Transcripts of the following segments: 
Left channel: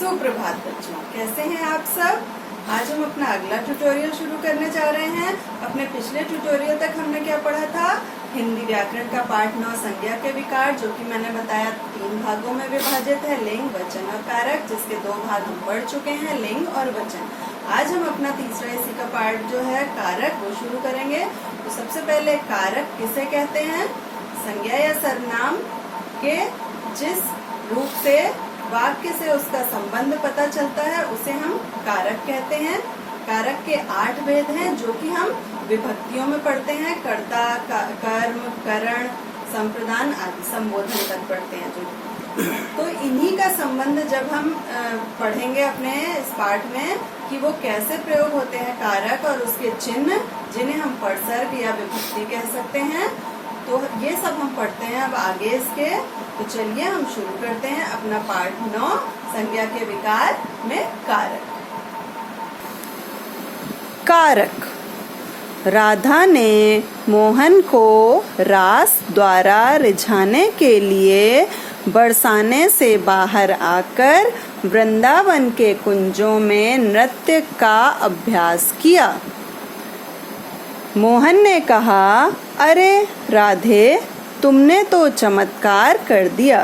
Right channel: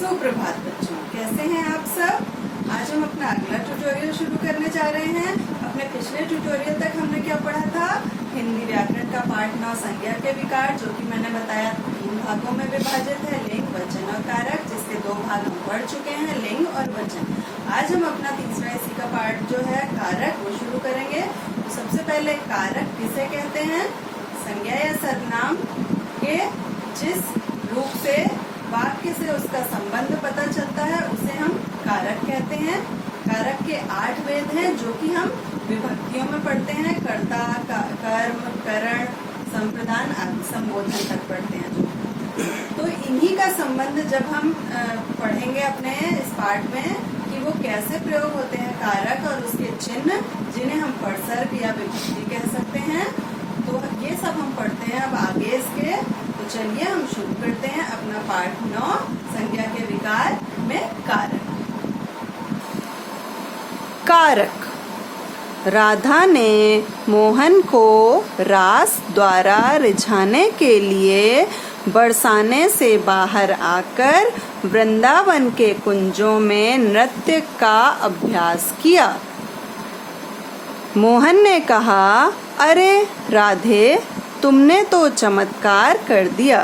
सुप्रभात बच्चों, कैसे हैं आप सब। आज हम अपना अगला ट्यूटोरियल शुरू करने जा रहे हैं। अपने पिछले ट्यूटोरियल तक हमने क्या पढ़ा था, हिंदी व्याकरण का पाठ 9 संज्ञा के विकार, जो कि मैंने बताया 3 भागों में विभाजित है, लिंग, वचन और कारक, जिसके 2 भाग हम पढ़ चुके हैं, लिंग और वचन। आज हम अपना तीसरा इसी का पाठ जो है कारक, वो शुरू करेंगे। तो सबसे पहले कारक किसे कहते हैं? संज्ञा या सर्वनाम के जिस रूप से वाक्य से उसका संबंध पता चलता है उसे हम कारक कहते हैं। कारक के 8 भेद हैं, जो कि हम विभक्तियों में पढ़ते हैं। कर्ता, कर्म, करण, संप्रदान आदि संबोधन तक पढ़ते हैं जो। तो इन्हीं का संबंध जब हम पढ़ेंगे अपने इस पाठ में कि वो कैसे प्रयोग होते हैं कारक और उसके चिन्ह, जिन्हें हम परसर्ग या विभक्ति कह सकते हैं, तो ये सब हम पढ़ते हैं अब आगे इसके। तो चलिए हम शुरू करते हैं अपना पाठ 9 संज्ञा के विकार में कारक। कारक। राधा ने मोहन को रास द्वारा रिझाने के लिए बरसाने से बाहर आकर वृंदावन के कुंजों में नृत्य का अभ्यास किया। मोहन ने कहा, अरे राधे, तुमने तो चमत्कार कर दिया।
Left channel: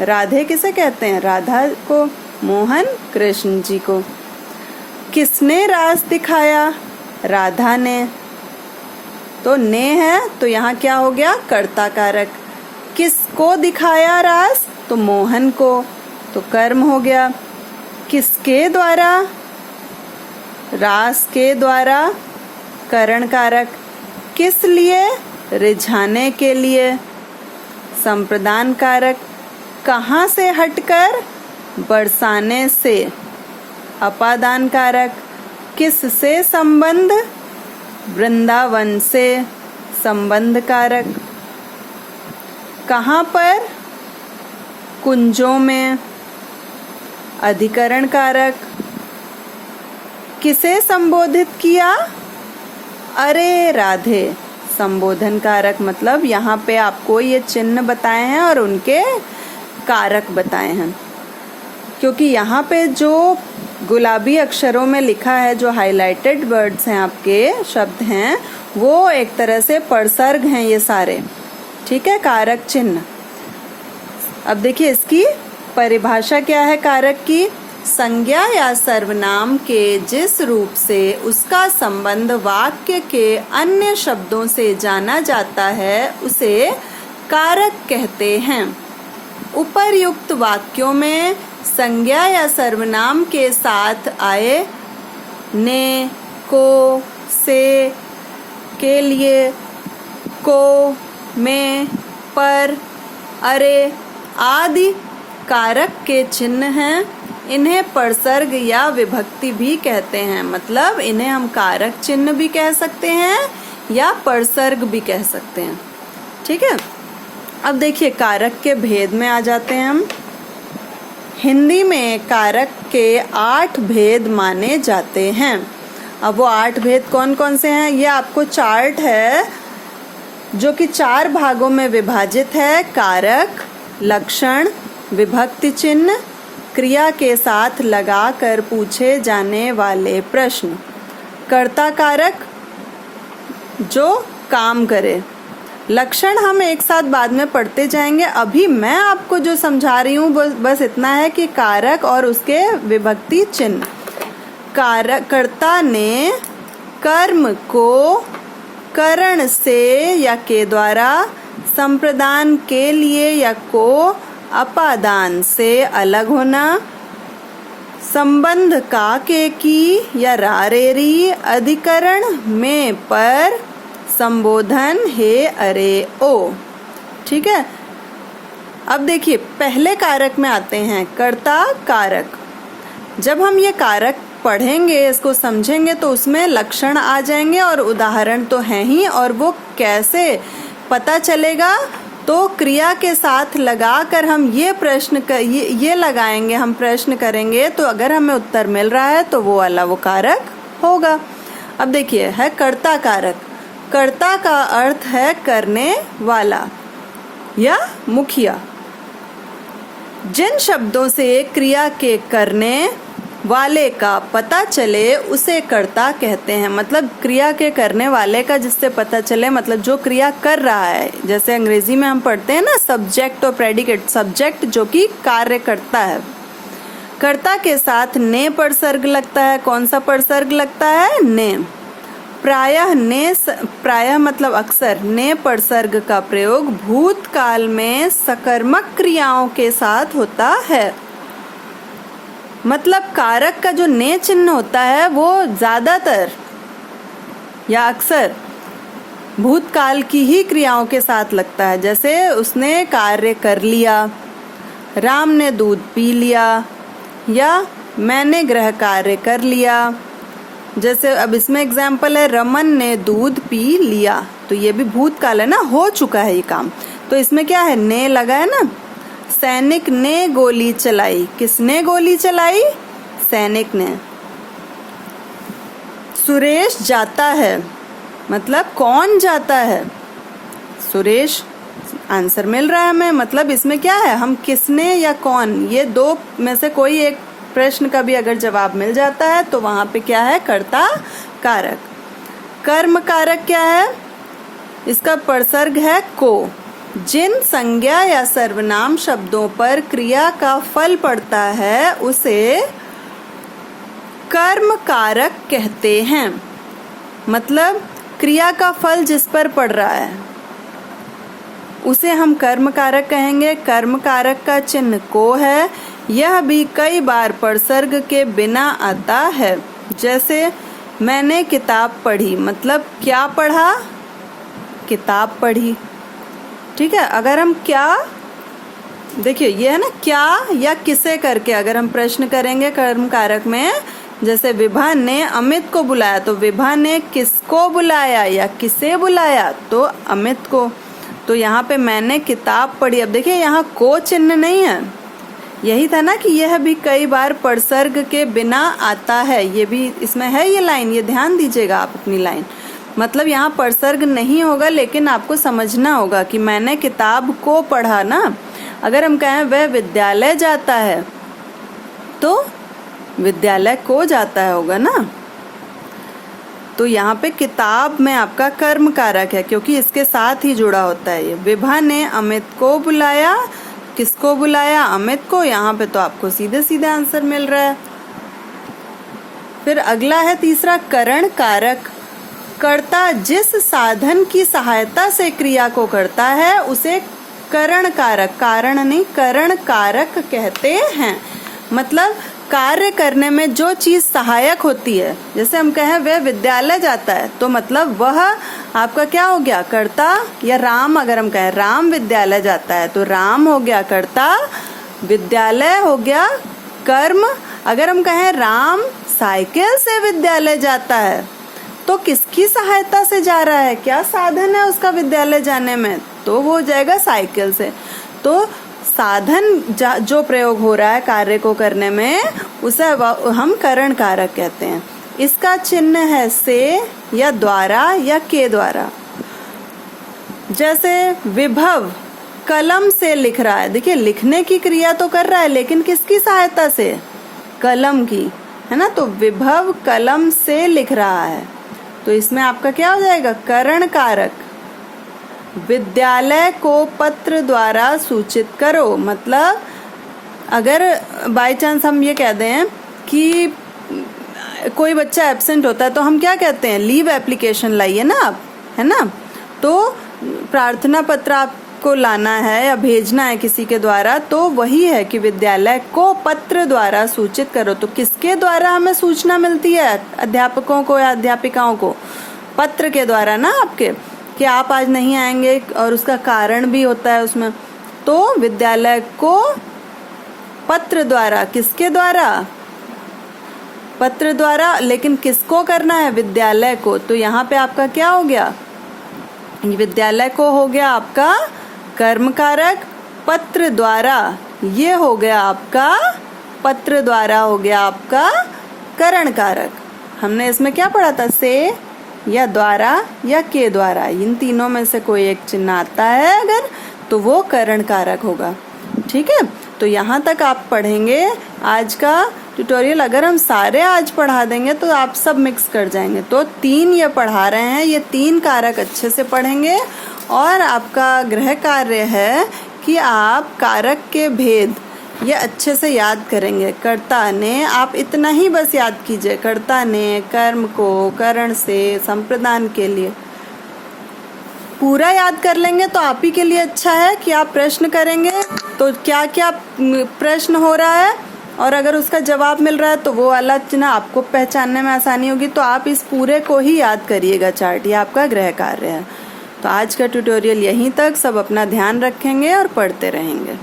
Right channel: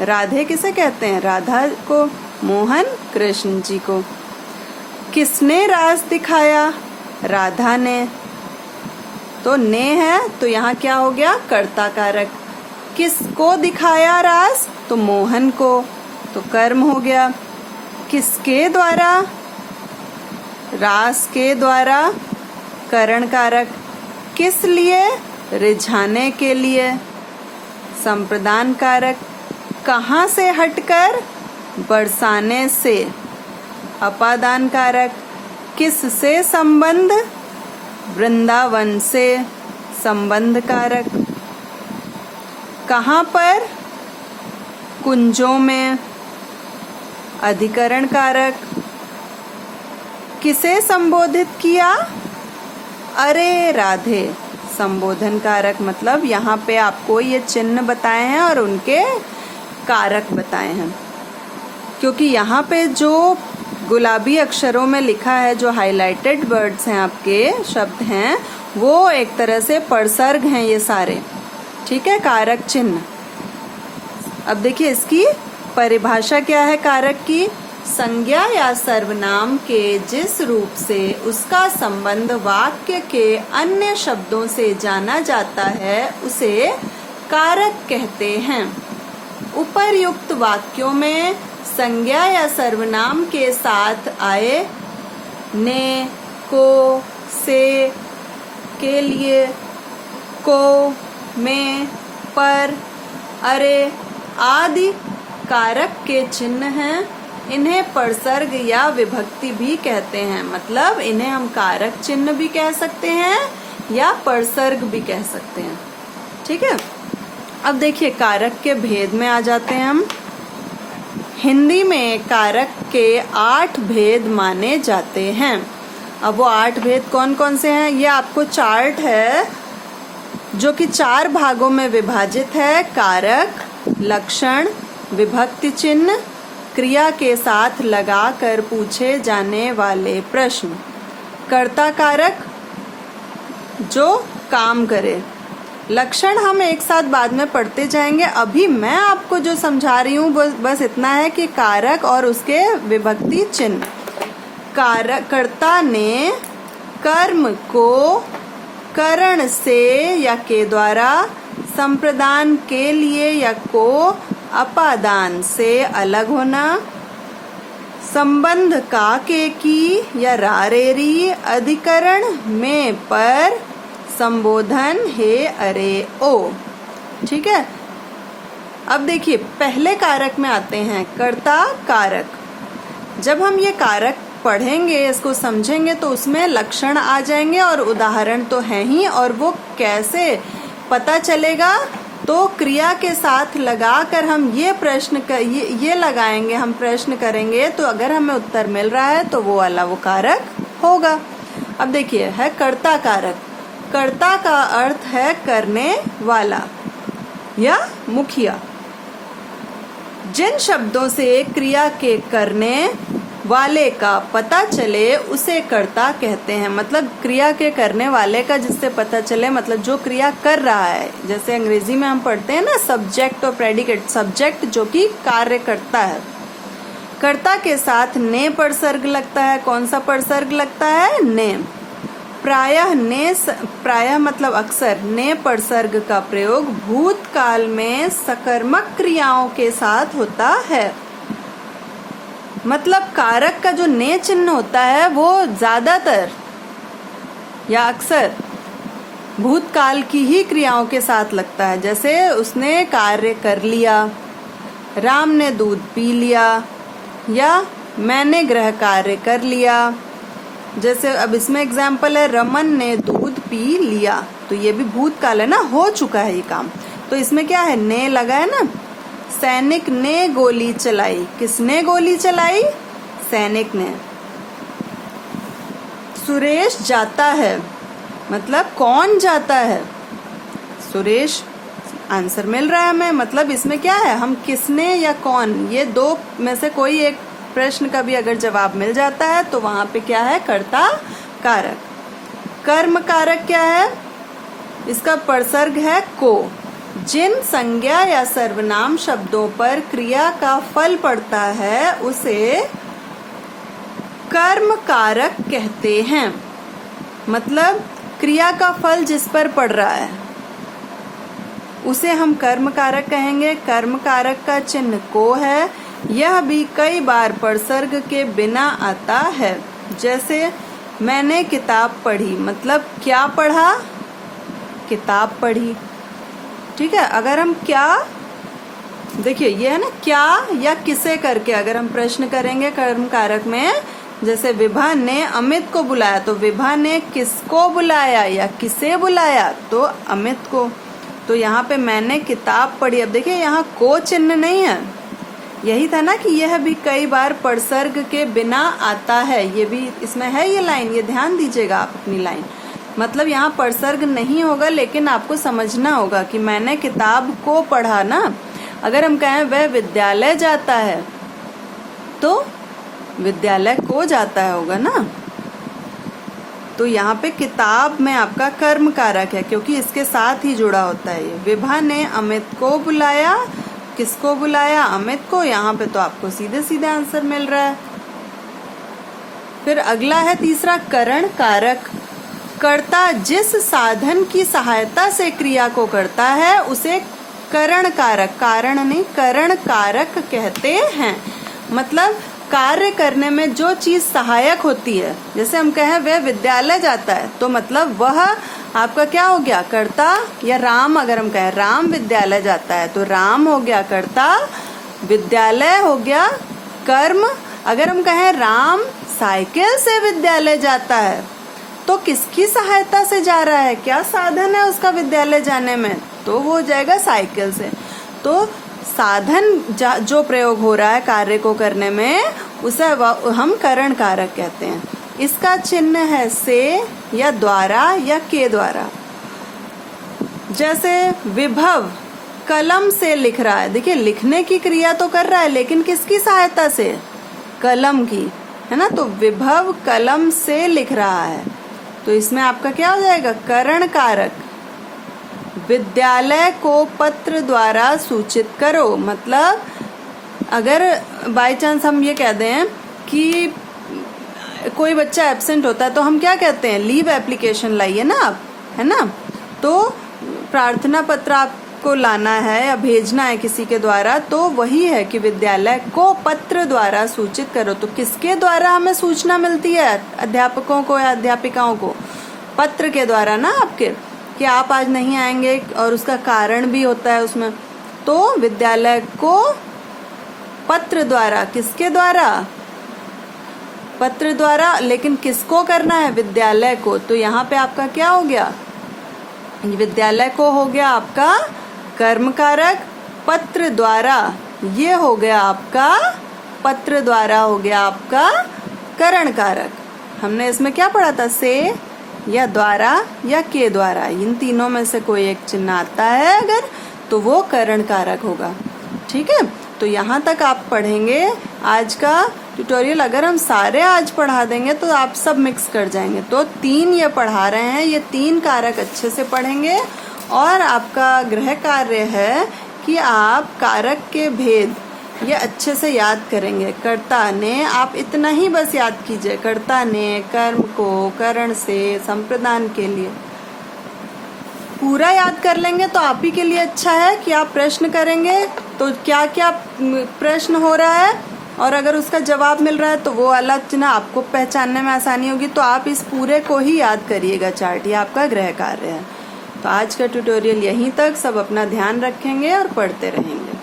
राधे किसे कहते हैं? राधा को, मोहन कृष्ण जी को। किसने रास दिखाया? राधा ने। तो ने है तो यहाँ क्या हो गया? कर्ता कारक। किसको दिखाया रास? तो मोहन को, तो कर्म हो गया। किसके द्वारा? रास के द्वारा, करण कारक। किस लिए? रिझाने के लिए, संप्रदान कारक। कहाँ से हटकर? बरसाने से, अपादान कारक। किससे संबंध? वृंदावन से, संबंध कारक। कहाँ पर? कुंजों में, अधिकरण कारक। किसे संबोधित किया? अरे राधे, संबोधन कारक। मतलब यहाँ पे आपको ये चिन्ह बताए हैं और उनके कारक बताए हैं, क्योंकि यहाँ पे जो गुलाबी अक्षरों में लिखा है, जो हाइलाइटेड वर्ड्स हैं, आपके शब्द हैं, वो एक तरह से परसर्ग हैं ये सारे। ठीक है, कारक चिन्ह। अब देखिए इसकी परिभाषा क्या है कारक की। संज्ञा या सर्वनाम के जिस रूप से उसका संबंध वाक्य के अन्य शब्दों से जाना जाता है उसे कारक कहते हैं। उपर्युक्त वाक्यों में संज्ञा या सर्वनाम के साथ आए ने, को, से, के लिए, को, में, पर, अरे आदि कारक के चिन्ह हैं। इन्हें परसर्ग या विभक्ति भी कहते हैं। मतलब इन्हें हम कारक चिन्ह भी कह सकते हैं या परसर्ग भी कह सकते हैं। ठीक है, अब देखिए कारक के भेद में आ जाते हैं हम। हिंदी में कारक के 8 भेद माने जाते हैं। अब वो 8 भेद कौन कौन से हैं? ये आपको चार्ट है जो कि 4 भागों में विभाजित है। कारक, लक्षण, विभक्ति चिन्ह, क्रिया के साथ लगाकर पूछे जाने वाले प्रश्न। कर्ता कारक जो काम करे। लक्षण हम एक साथ बाद में पढ़ते जाएंगे। अभी मैं आपको जो समझा रही हूँ बस इतना है कि कारक और उसके विभक्ति चिन्ह। कर्ता ने कर्म को करण से या के द्वारा, संप्रदान के लिए या को, अपादान से अलग होना, संबंध का के की या रारेरी, अधिकरण में पर, संबोधन हे अरे ओ। ठीक है, अब देखिए पहले कारक में आते हैं, कर्ता कारक। जब हम ये कारक पढ़ेंगे, इसको समझेंगे, तो उसमें लक्षण आ जाएंगे और उदाहरण तो हैं ही। और वो कैसे पता चलेगा? तो क्रिया के साथ लगाकर हम ये प्रश्न ये लगाएंगे, हम प्रश्न करेंगे, तो अगर हमें उत्तर मिल रहा है तो वो वाला वो कारक होगा। अब देखिए है कर्ता कारक। कर्ता का अर्थ है करने वाला या मुखिया। जिन शब्दों से क्रिया के करने वाले का पता चले उसे कर्ता कहते हैं। मतलब क्रिया के करने वाले का जिससे पता चले, मतलब जो क्रिया कर रहा है। जैसे अंग्रेजी में हम पढ़ते हैं ना सब्जेक्ट और प्रेडिकेट। सब्जेक्ट जो कि कार्य करता है, कर्ता के साथ ने परसर्ग लगता है। कौन सा परसर्ग लगता है? ने। प्रायः मतलब अक्सर ने परसर्ग का प्रयोग भूतकाल में सकर्मक क्रियाओं के साथ होता है। मतलब कारक का जो ने चिन्ह होता है वो ज्यादातर या अक्सर भूतकाल की ही क्रियाओं के साथ लगता है। जैसे उसने कार्य कर लिया, राम ने दूध पी लिया, या मैंने गृह कार्य कर लिया। जैसे अब इसमें एग्जाम्पल है रमन ने दूध पी लिया, तो ये भी भूतकाल है ना, हो चुका है ये काम। तो इसमें क्या है? ने लगा है ना। सैनिक ने गोली चलाई। किसने गोली चलाई? सैनिक ने। सुरेश जाता है, मतलब कौन जाता है? सुरेश। आंसर मिल रहा है हमें। मतलब इसमें क्या है? हम किसने या कौन, ये दो में से कोई एक प्रश्न का भी अगर जवाब मिल जाता है तो वहां पे क्या है? कर्ता कारक। कर्म कारक क्या है? इसका परसर्ग है को। जिन संज्ञा या सर्वनाम शब्दों पर क्रिया का फल पड़ता है उसे कर्म कारक कहते हैं। मतलब क्रिया का फल जिस पर पड़ रहा है उसे हम कर्म कारक कहेंगे। कर्म कारक का चिन्ह को है। यह भी कई बार परसर्ग के बिना आता है। जैसे मैंने किताब पढ़ी, मतलब क्या पढ़ा? किताब पढ़ी। ठीक है। अगर हम क्या, देखिए ये है ना क्या या किसे करके अगर हम प्रश्न करेंगे कर्म कारक में, जैसे विभा ने अमित को बुलाया, तो विभा ने किसको बुलाया या किसे बुलाया? तो अमित को। तो यहाँ पे मैंने किताब पढ़ी। अब देखिए यहाँ को चिन्ह नहीं है। यही था ना कि यह भी कई बार परसर्ग के बिना आता है। ये भी इसमें है ये लाइन, ये ध्यान दीजिएगा आप अपनी लाइन। मतलब यहाँ परसर्ग नहीं होगा, लेकिन आपको समझना होगा कि मैंने किताब को पढ़ा ना। अगर हम कहें वह विद्यालय जाता है तो विद्यालय को जाता है होगा ना। तो यहाँ पे किताब में आपका कर्म कारक है क्योंकि इसके साथ ही जुड़ा होता है ये। विभा ने अमित को बुलाया। किसको बुलाया? अमित को। यहाँ पे तो आपको सीधे सीधे आंसर मिल रहा है। फिर अगला है तीसरा करण कारक। कर्ता जिस साधन की सहायता से क्रिया को करता है उसे करण कारक, कारण नहीं करण कारक कहते हैं। मतलब कार्य करने में जो चीज सहायक होती है, जैसे हम कहें वह विद्यालय जाता है, तो मतलब वह आपका क्या हो गया? कर्ता। या राम, अगर हम कहें राम विद्यालय जाता है तो राम हो गया कर्ता, विद्यालय हो गया कर्म। अगर हम कहें राम साइकिल से विद्यालय जाता है तो किसकी सहायता से जा रहा है? क्या साधन है उसका विद्यालय जाने में? तो वो हो जाएगा साइकिल से। तो साधन जो प्रयोग हो रहा है कार्य को करने में उसे हम करण कारक कहते हैं। इसका चिन्ह है से या द्वारा या के द्वारा। जैसे विभव कलम से लिख रहा है। देखिए लिखने की क्रिया तो कर रहा है लेकिन किसकी सहायता से? कलम की, है ना। तो विभव कलम से लिख रहा है, तो इसमें आपका क्या हो जाएगा? करण कारक। विद्यालय को पत्र द्वारा सूचित करो। मतलब अगर बाय चांस हम ये कह दें कि कोई बच्चा एब्सेंट होता है तो हम क्या कहते हैं? लीव एप्लीकेशन लाइए ना आप, है ना। तो प्रार्थना पत्र आपको लाना है या भेजना है किसी के द्वारा, तो वही है कि विद्यालय को पत्र द्वारा सूचित करो। तो किसके द्वारा हमें सूचना मिलती है? अध्यापकों को या अध्यापिकाओं को? पत्र के द्वारा ना आपके, कि आप आज नहीं आएंगे और उसका कारण भी होता है उसमें। तो विद्यालय को पत्र द्वारा, किसके द्वारा? पत्र द्वारा। लेकिन किसको करना है? विद्यालय को। तो यहाँ पे आपका क्या हो गया? विद्यालय को हो गया आपका कर्म कारक। पत्र द्वारा ये हो गया आपका, पत्र द्वारा हो गया आपका करण कारक। हमने इसमें क्या पढ़ा था? से या द्वारा या के द्वारा, इन तीनों में से कोई एक चिन्ह आता है अगर, तो वो करण कारक होगा। ठीक है। तो यहाँ तक आप पढ़ेंगे आज का ट्यूटोरियल। अगर हम सारे आज पढ़ा देंगे तो आप सब मिक्स कर जाएंगे। तो 3 ये पढ़ा रहे हैं, ये 3 कारक अच्छे से पढ़ेंगे। और आपका गृह कार्य है कि आप कारक के भेद ये अच्छे से याद करेंगे। कर्ता ने, आप इतना ही बस याद कीजिए, कर्ता ने कर्म को करण से संप्रदान के लिए पूरा याद कर लेंगे तो आप ही के लिए अच्छा है कि आप प्रश्न करेंगे तो क्या क्या प्रश्न हो रहा है और अगर उसका जवाब मिल रहा है तो वो वाला चिन्ह आपको पहचानने में आसानी होगी। तो आप इस पूरे को ही याद करिएगा चार्ट, ये आपका गृह कार्य है। तो आज का ट्यूटोरियल यहीं तक। सब अपना ध्यान रखेंगे और पढ़ते रहेंगे।